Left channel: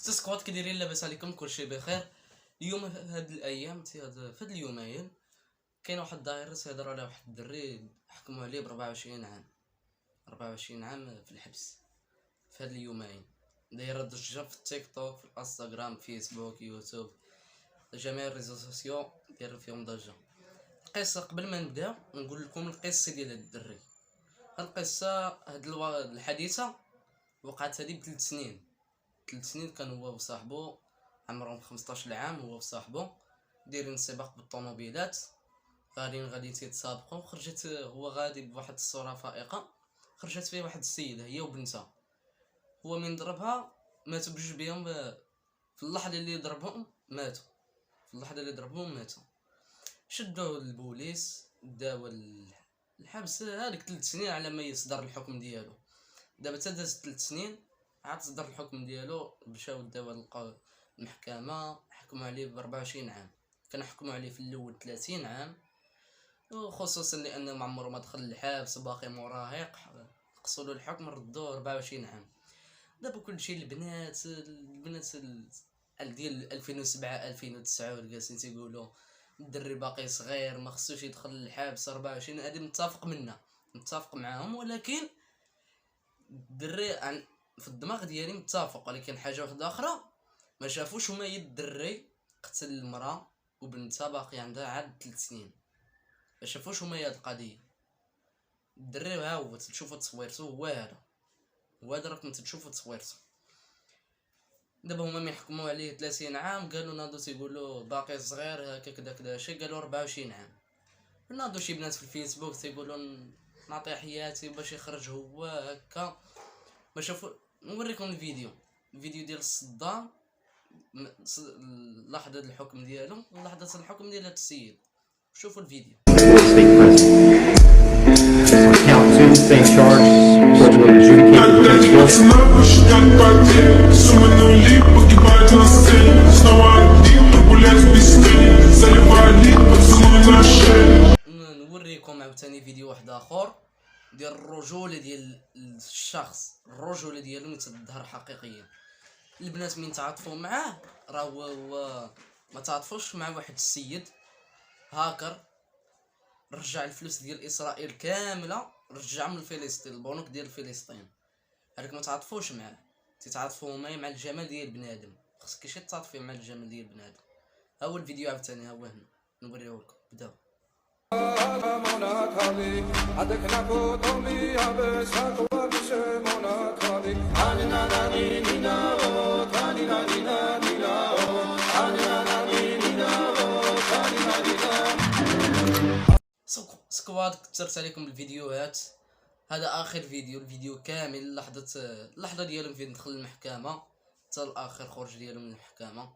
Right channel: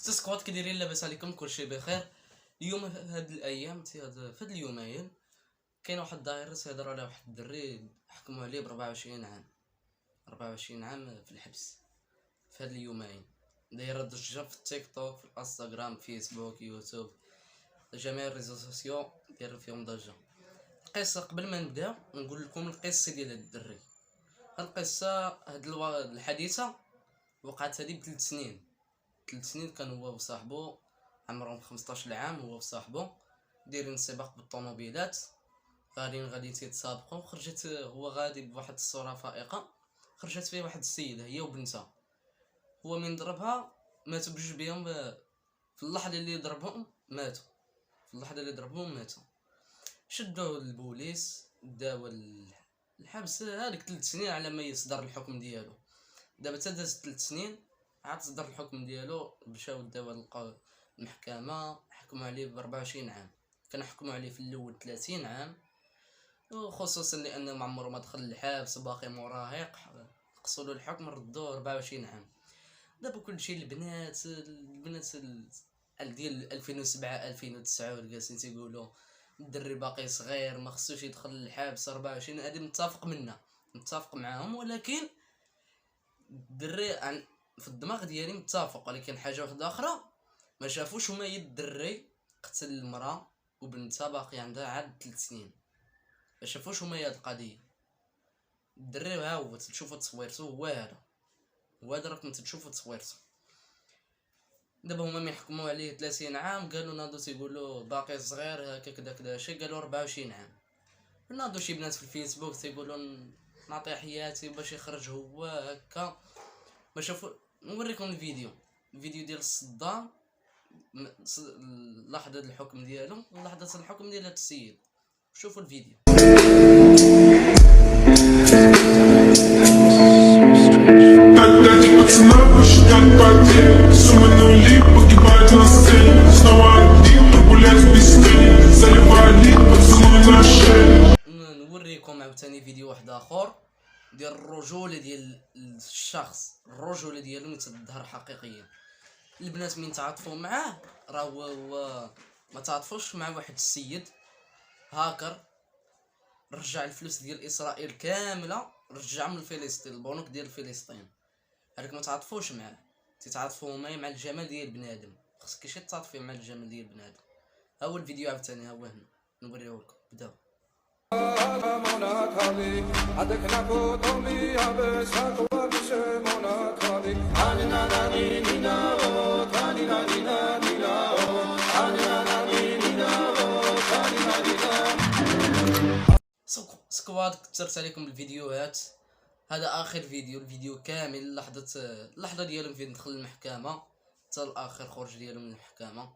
سكوات كي دايرين؟ لاباس عليكم؟ كلشي بخير. اليوم هاد الايام في هاد اليومين كاين واحد الدايره تيهضر على واحد الدري حكموا عليه ب 24 عام 24 عام في الحبس في هاد اليومين. دايره ضجه في التيك توك، في الانستغرام، فيسبوك، يوتيوب، جميع الريزو سوسيو دايرين فيهم ضجه. القصه قبل ما نبدا نقول لكم القصه ديال هاد الدري. القصه الحديثه وقعت هذه ب3 سنين. 3 سنين كان هو وصاحبو عمرهم 15 عام، هو وصاحبو دايرين سباق بالطوموبيلات، غادي تيتسابقوا. خرجت هو غادي بواحد الصوره فائقه، خرجت فيه واحد السيده هي وبنتها. هو من ضربها ماتوا بجوج بهم في اللحظه اللي ضربهم ماتوا. شدوه البوليس، داو الحبس هذيك 3 سنين على ما يصدر الحكم ديالو. دابا تدازت 3 سنين عاد صدر الحكم ديالو، مشاو داو المحكمه حكموا عليه ب 24 عام. كان حكموا عليه في الاول 30 عام، وخصوصا لانه ما عمره ما دخل الحبس باقي مراهق، قصوا له الحكم ردوه 24 عام. دابا كلشي البنات ديال 2007 2009 جالسين تيقولوا الدري باقي صغير ما خصوش يدخل الحبس 24. هذه متفق معاهم، ولكن الدري في الدماغ ديالي متفق، ولكن حاجه واحده اخرى ما شافوش هما. الدري قتل المراه وبنتها باقي عندها عاد 3 سنين، ما شافوش هما هاد القضيه. الدري ها هو تشوفوا تصويرته، هو هذا راكم تشوفوا تصويرته. دابا هما من حكموا عليه 30 عام قالوا ناضو تيقولوا باقي صغير هكا كذا شي، قالوا 24 عام. ناضو شي بنات في الفيسبوك تيقولوا نعطي حياتي باش يخرج هو هكا. ما شافوا. نوريكم الفيديو ديال الصدام، لحظه الحكم ديالو ولحظه الحكم ديال هاد السيد. شوفوا الفيديو. نوريكم عاوتاني فيديو واحد اخر ديال الرجوله ديال الشخص، الرجوله ديالو تظهر حقيقيا. البنات من تعاطفوا معاه راه هو ما تعاطفوش مع واحد السيد هاكر رجع الفلوس ديال اسرائيل كامله، رجعهم لفلسطين، البنوك ديال فلسطين. هذاك ما تعاطفوش معاه، تتعاطفوا مع الجمال ديال بنادم. خصك شي تعاطفي مع الجمال ديال بنادم. ها هو الفيديو عاوتاني، ها هو هنا نوريه لكم. بداو. سكواد كثرت عليكم الفيديوهات، هذا اخر الفيديو كامل. اللحظه ديالهم فين دخل المحكمه حتى الاخر خروج ديالهم من المحكمه.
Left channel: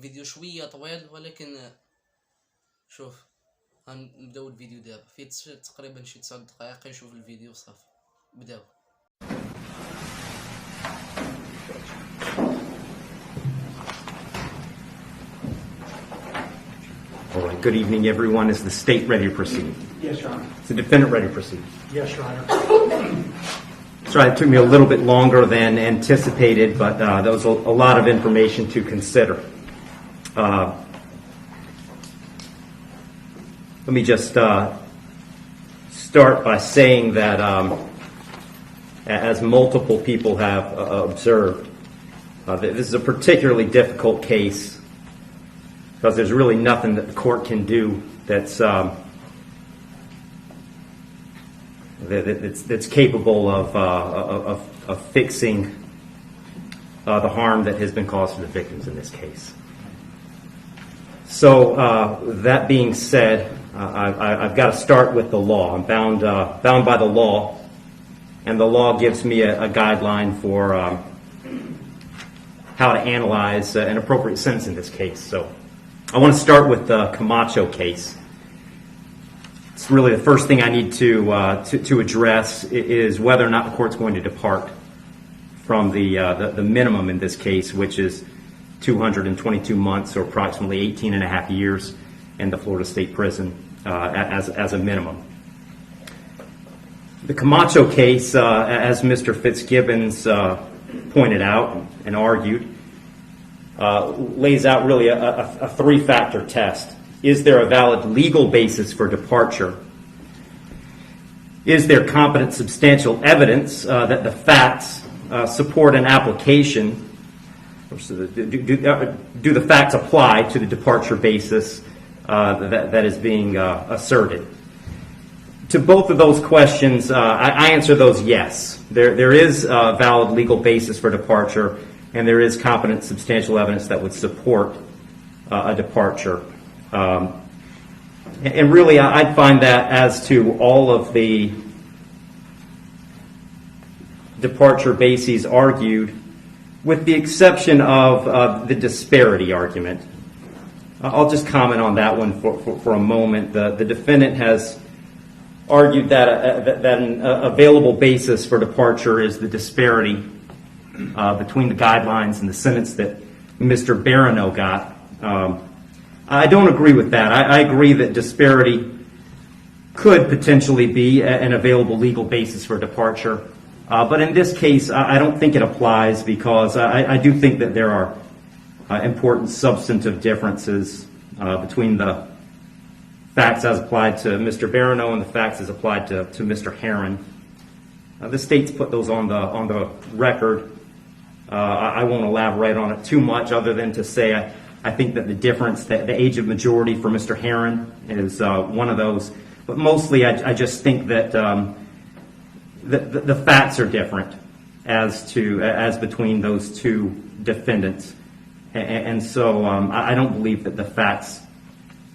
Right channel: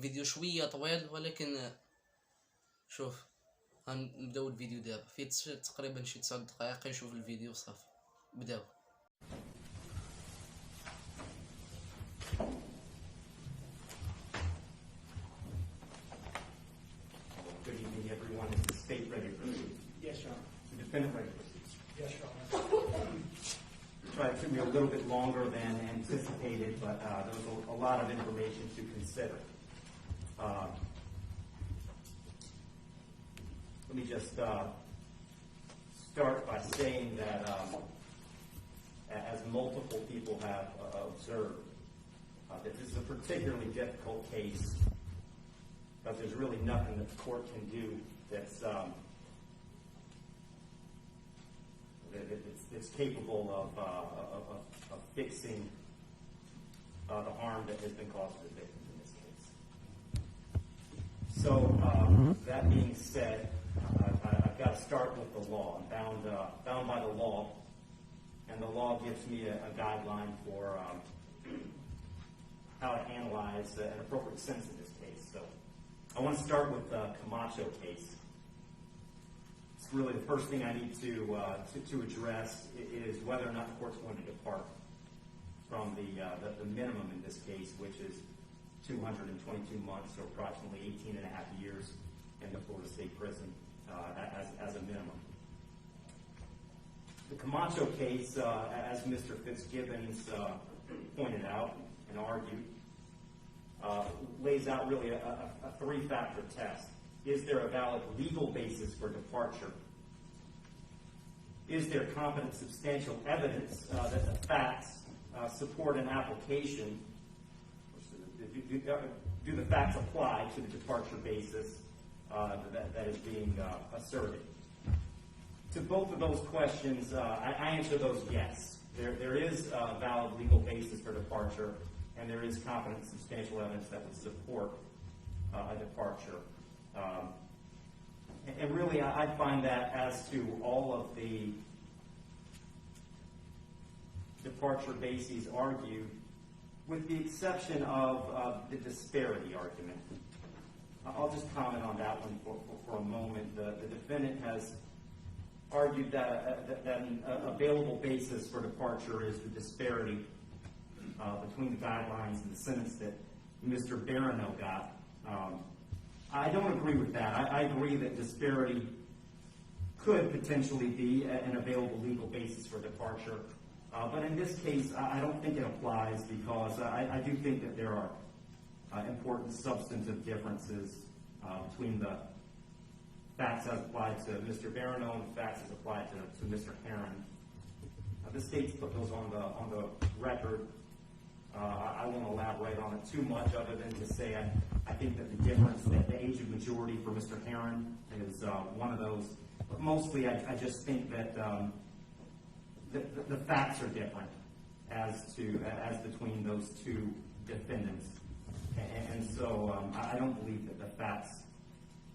فيديو شويه طويل، ولكن شوف غنبداو الفيديو دابا. فيه تقريبا شي 9 دقائق. يشوف الفيديو صافي. بداو. All right, good evening, everyone. Is the state ready to proceed? Yes, Your Honor. Is the defendant ready to proceed? Yes, Your Honor. Sorry, it took me a little bit longer than anticipated, but there was a lot of information to consider. Let me just start by saying that, as multiple people have observed, this is a particularly difficult case because there's really nothing that the court can do that's capable of fixing the harm that has been caused to the victims in this case. So that being said, I've got to start with the law. I'm bound by the law, and the law gives me a guideline for how to analyze an appropriate sentence in this case. So I want to start with the Camacho case. It's really the first thing I need to address is whether or not the court's going to depart from the minimum in this case, which is 222 months, or approximately 18 and a half years in the Florida State Prison as a minimum. The Camacho case, as Mr. Fitzgibbons pointed out and argued, lays out really a three-factor test. Is there a valid legal basis for departure? Is there competent substantial evidence that the facts support an application? Do the facts apply to the departure basis that is being asserted? To both of those questions, I answer those yes. There is a valid legal basis for departure, and there is competent substantial evidence that would support a departure. And really, I'd find that as to all of the departure bases argued, with the exception of the disparity argument. I'll just comment on that one for a moment. The defendant has argued that an available basis for departure is the disparity between the guidelines and the sentence that Mr. Barano got. I don't agree with that. I agree that disparity could potentially be an available legal basis for departure. But in this case, I don't think it applies because I do think that there are important substantive differences between the facts as applied to Mr. Barano and the facts as applied to Mr. Herron. The state's put those on the record. I won't elaborate on it too much other than to say I think that the difference, the age of majority for Mr. Herron is one of those. But mostly I just think that the facts are different as between those two defendants. And so I don't believe that the facts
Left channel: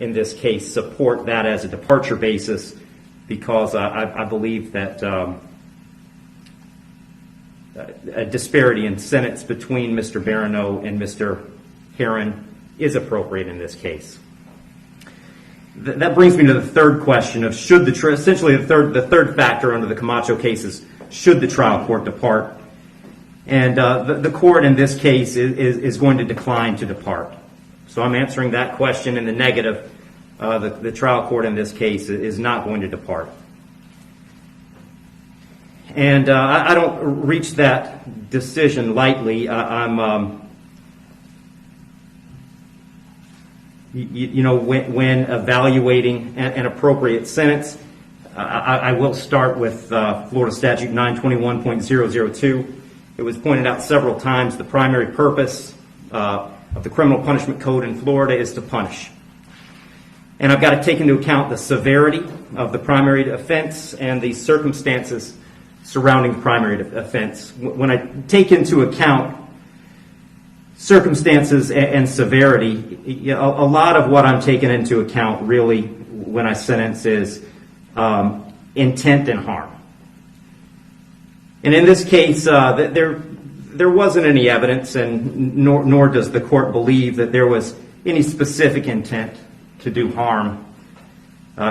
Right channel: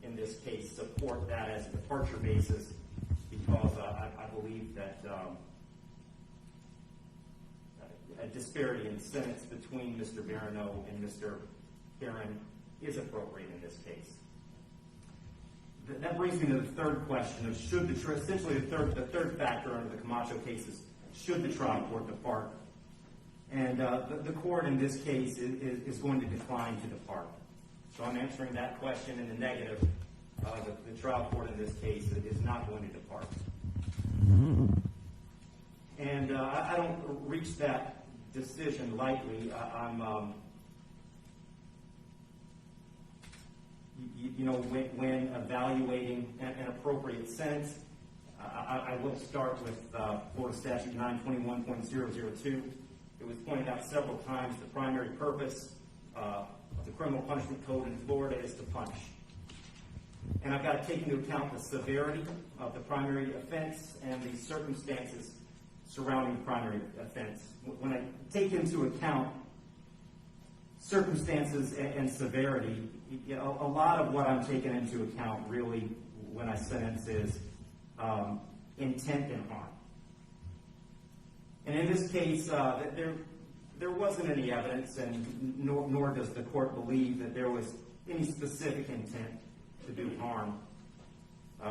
in this case support that as a departure basis because I believe that a disparity in sentence between Mr. Barano and Mr. Herron is appropriate in this case. That brings me to the third question of should essentially the third factor under the Camacho case is should the trial court depart? And the court in this case is going to decline to depart. So I'm answering that question in the negative. The trial court in this case is not going to depart. And I don't reach that decision lightly. When evaluating an appropriate sentence, I will start with Florida Statute 921.002. It was pointed out several times the primary purpose of the criminal punishment code in Florida is to punish. And I've got to take into account the severity of the primary offense and the circumstances surrounding the primary offense. When I take into account circumstances and severity, a lot of what I'm taking into account really when I sentence is intent and harm. And in this case, there wasn't any evidence, and nor does the court believe that there was any specific intent to do harm,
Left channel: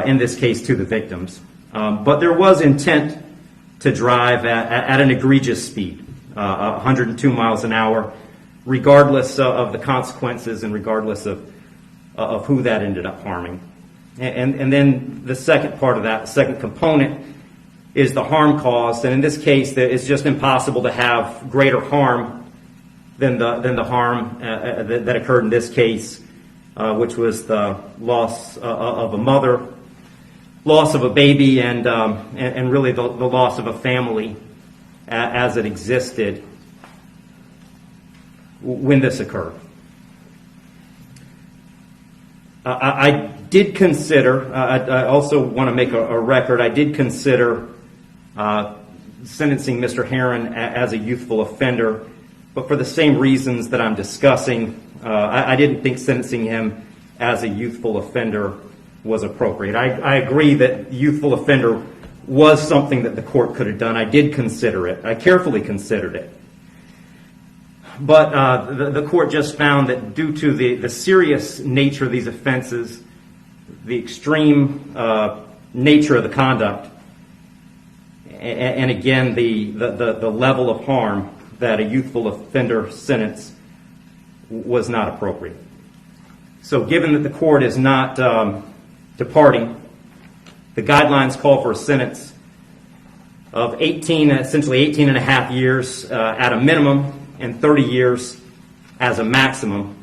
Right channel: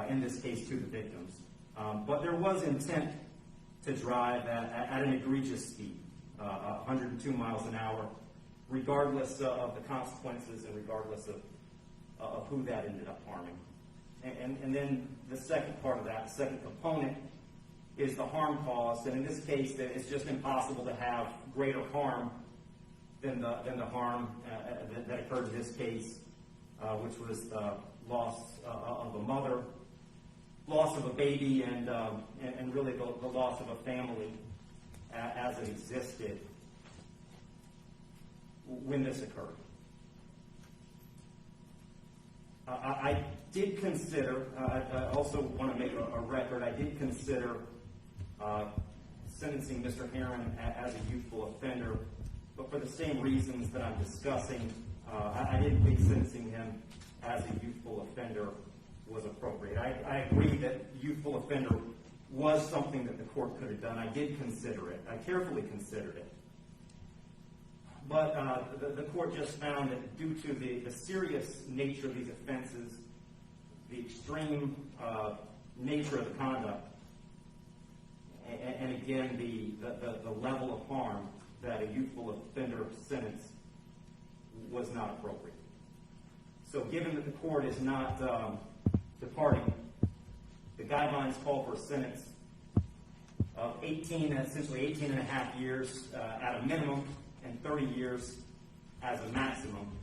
in this case to the victims. But there was intent to drive at an egregious speed, 102 miles an hour, regardless of the consequences and regardless of who that ended up harming. And then the second part of that, the second component, is the harm caused. And in this case, it's just impossible to have greater harm than the harm that occurred in this case, which was the loss of a mother, loss of a baby, and really the loss of a family as it existed when this occurred. I did consider, I also want to make a record, I did consider sentencing Mr. Herron as a youthful offender, but for the same reasons that I'm discussing, I didn't think sentencing him as a youthful offender was appropriate. I agree that youthful offender was something that the court could have done. I did consider it. I carefully considered it. But the court just found that due to the serious nature of these offenses, the extreme nature of the conduct, and again, the level of harm, that a youthful offender sentence was not appropriate. So given that the court is not departing, the guidelines call for a sentence of essentially 18 and a half years at a minimum, and 30 years as a maximum.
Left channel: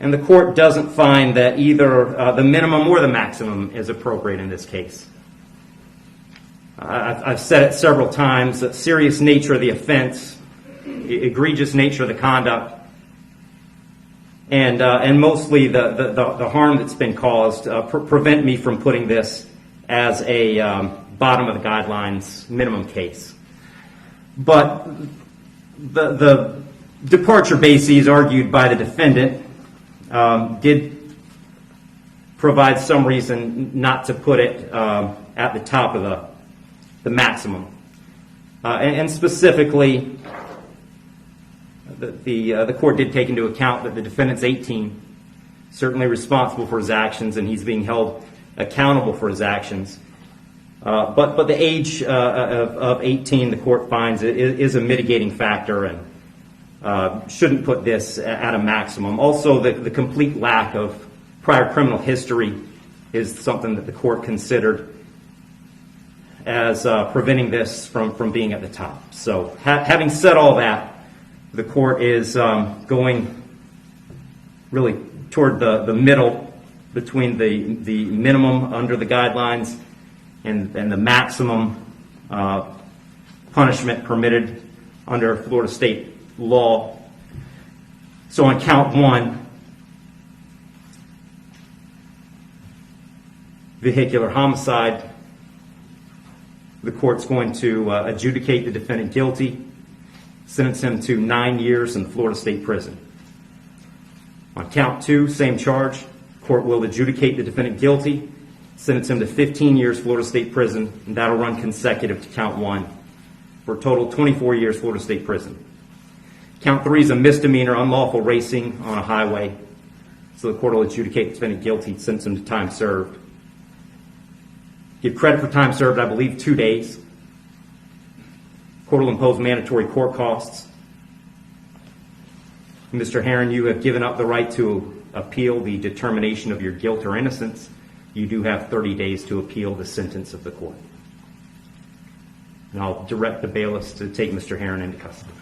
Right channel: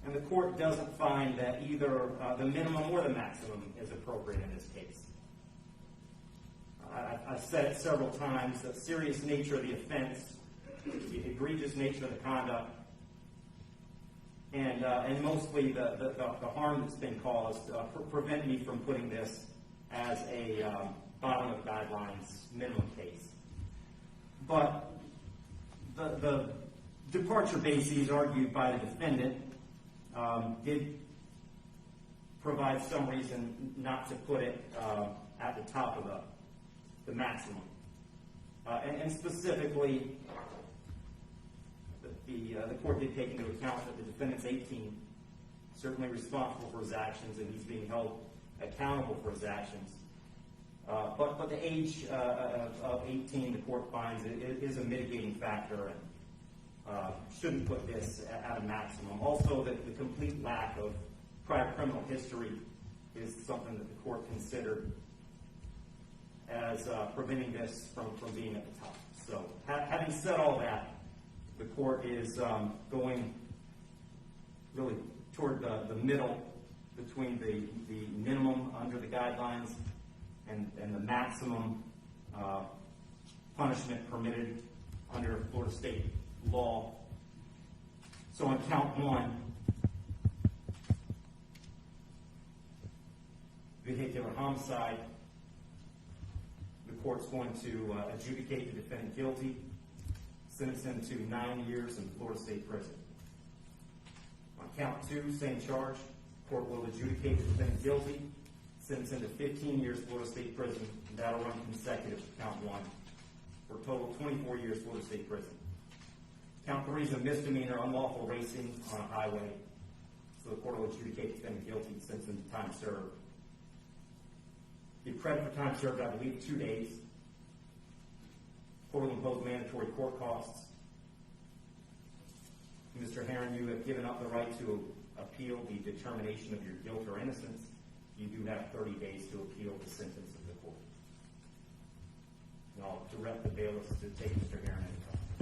And the court doesn't find that either the minimum or the maximum is appropriate in this case. I've said it several times, that serious nature of the offense, egregious nature of the conduct, and mostly the harm that's been caused prevent me from putting this as a bottom of the guidelines minimum case. But the departure bases argued by the defendant did provide some reason not to put it at the top of the maximum. And specifically, the court did take into account that the defendant's 18, certainly responsible for his actions, and he's being held accountable for his actions. But the age of 18, the court finds, is a mitigating factor and shouldn't put this at a maximum. Also, the complete lack of prior criminal history is something that the court considered as preventing this from being at the top. So having said all that, the court is going really toward the middle between the minimum under the guidelines and the maximum punishment permitted under Florida state law. So on count one, vehicular homicide, the court's going to adjudicate the defendant guilty, sentence him to 9 years in the Florida State Prison. On count two, same charge, court will adjudicate the defendant guilty, sentence him to 15 years Florida State Prison, and that'll run consecutive to count one, for a total of 24 years Florida State Prison. Count three is a misdemeanor, unlawful racing on a highway, so the court will adjudicate the defendant guilty, sentence him to time served. Give credit for time served, I believe, 2 days. Court will impose mandatory court costs. Mr. Herron, you have given up the right to appeal the determination of your guilt or innocence. You do have 30 days to appeal the sentence of the court. And I'll direct the bailiffs to take Mr. Herron into custody.